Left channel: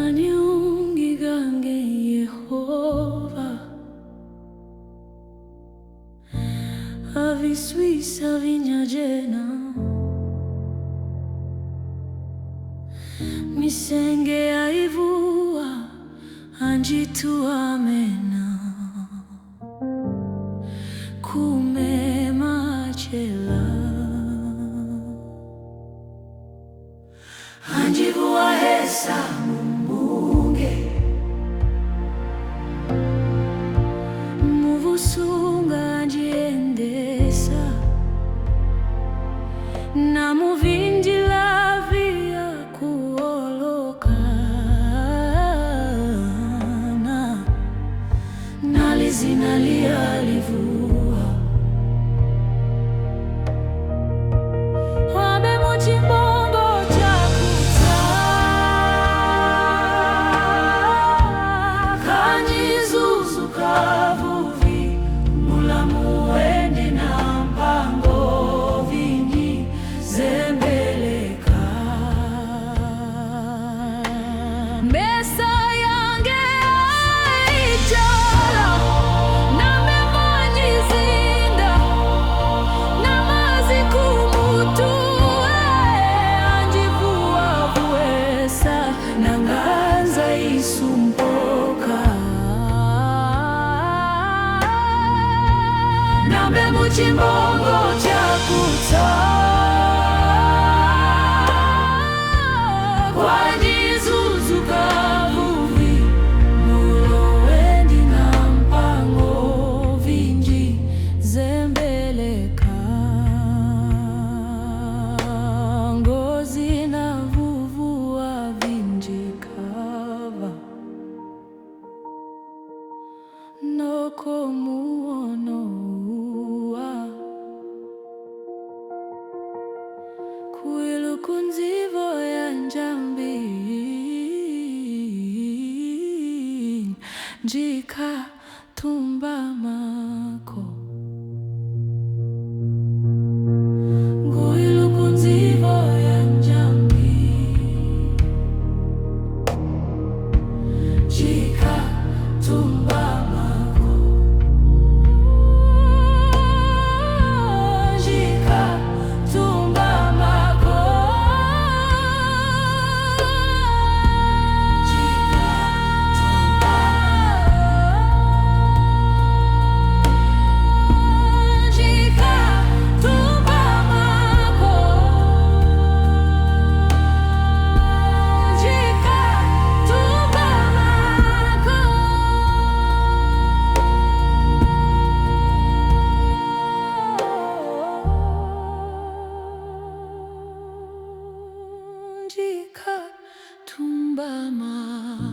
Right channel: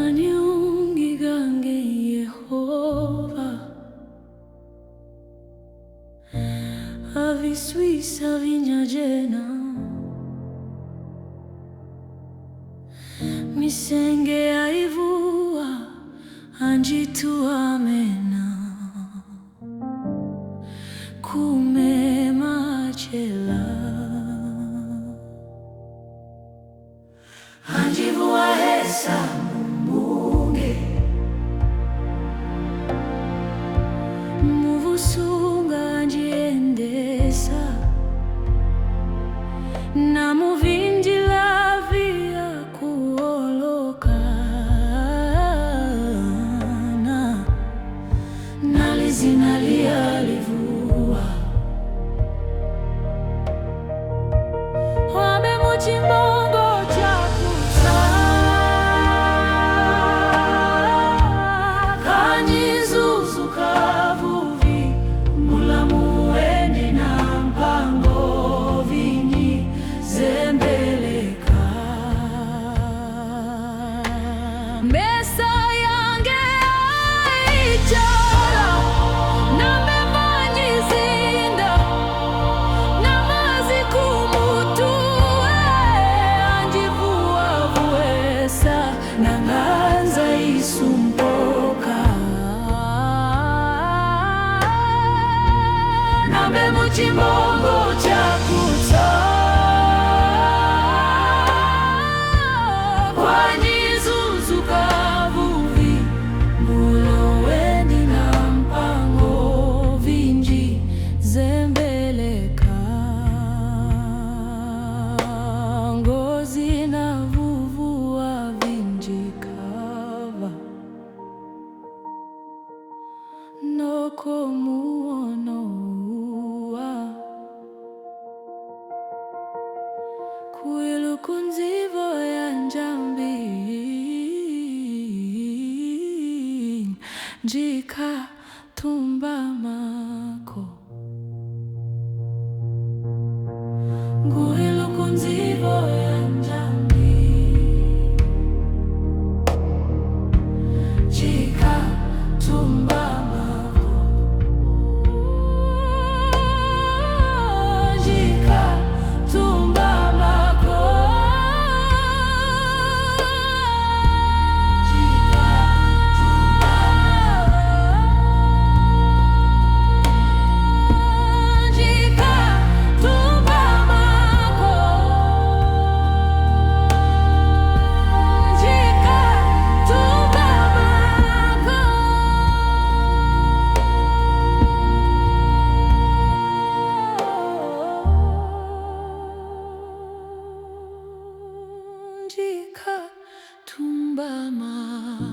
Aniungigange Yehova, avisuisa vinyajena, misenge aivua anjitu amena, kume machela anjivua hesa mumbunge, muvusunga anjiendesa, na muvindila via kuolokana, nalizinalia livua wabe muchimbongo chakuta, kanyizuzu kavuvi mulamu wendi na mpango vinyi zembeleka, mesa yange aichala na memanyizinda na mazikumutuwe, anjivua vuesa na nganza isumpoka, nambe muchimbongo chakuta, kwanyizuzu kavuvi mulo wendi na mpango vinji zembeleka, ngozi na vuvua vinji kava, noko muonoa kuilukunzivo ya njambi, njika tumba mako nguilukunzivo ya njambi, njika tumba mako, njika tumba mako, njika tumba, njika tumba mako, njika tumba mako, njika tumba mako.